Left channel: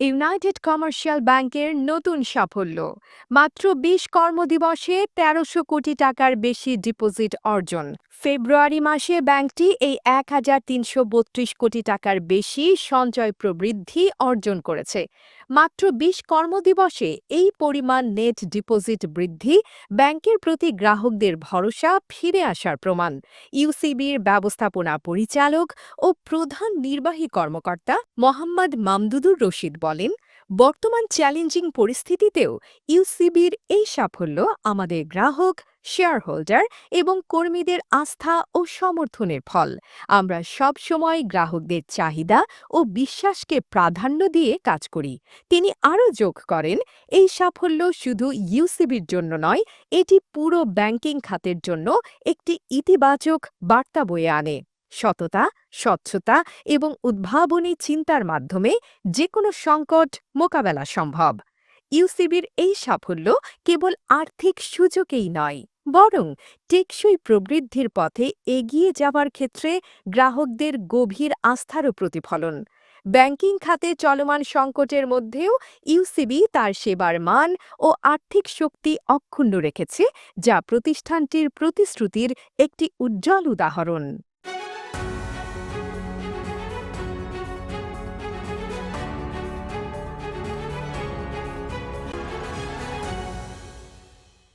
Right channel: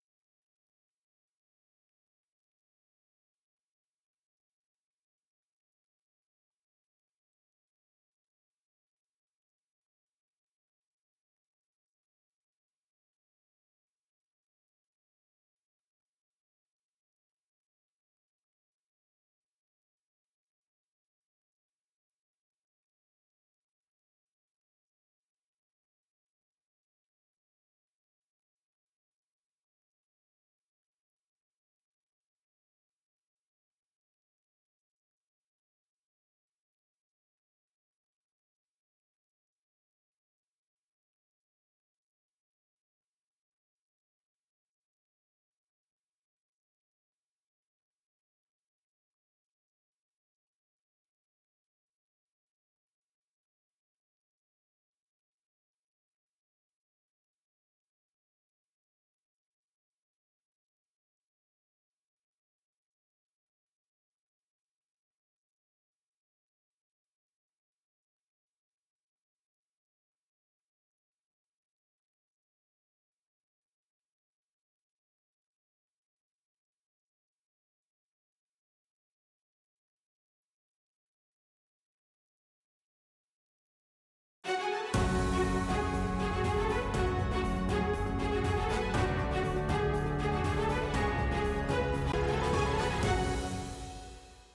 United commercial ব্যাংকের নতুন সাফল্য। মাত্র ২০ কর্মদিবসে ১৩০০ কোটি টাকার বেশি ডিপোজিট অর্জন। ফেব্রুয়ারি মাসে ব্যাংকটি এই ১,৩৩২ কোটি টাকার বেশি সঞ্চয় প্রবৃদ্ধি অর্জন করেছে। মাত্র ২০ কর্মদিবসে এই পরিমাণ নেট ডিপোজিট বৃদ্ধি ব্যাংকের প্রতি গ্রাহকদের ভরসা ফিরে আসার প্রমাণ। ইউসিবির ব্যবস্থাপনা পরিচালক ও প্রধান নির্বাহী কর্মকর্তা মোহাম্মদ মামদুদুর রশিদ বলেন, বর্তমান চ্যালেঞ্জিং পরিস্থিতিতেও ইউসিবির এই সাফল্য আমাদের গ্রাহক, শেয়ারহোল্ডার এবং কর্মীদের আস্থা ও সমর্থনের ফল। আমরা সব সময় গ্রাহকদের চাহিদা ও বিশ্বাসকে প্রাধান্য দিয়ে কাজ করি। তিনি আরও যোগ করেন, এই সাফল্য শুধু ইউসিবির জন্য নয়, এটি পুরো ব্যাংকিং খাতের জন্য একটি ইতিবাচক বার্তা বয়ে আনে। সততা, স্বচ্ছতা এবং উদ্ভাবনী চিন্তার মাধ্যমে যে কোনো সংকট মোকাবেলা সম্ভব। ইউসিবির এই সাফল্য কেবল আর্থিক সূচকেই নয়, বরং টেকসই প্রবৃদ্ধির পথে এগিয়ে যাওয়ার ক্ষেত্রে গ্রাহকদের গভীর আস্থারও প্রতিফলন। ব্যাংকিং খাতে চলমান সংকটের মধ্যেও ইউসিবি তার সেবার মান ও আর্থিক শক্তি অক্ষুণ্ণ রেখেছে, যা প্রতিষ্ঠানটির প্রতিশ্রুতির একটি উজ্জ্বল উদাহরণ।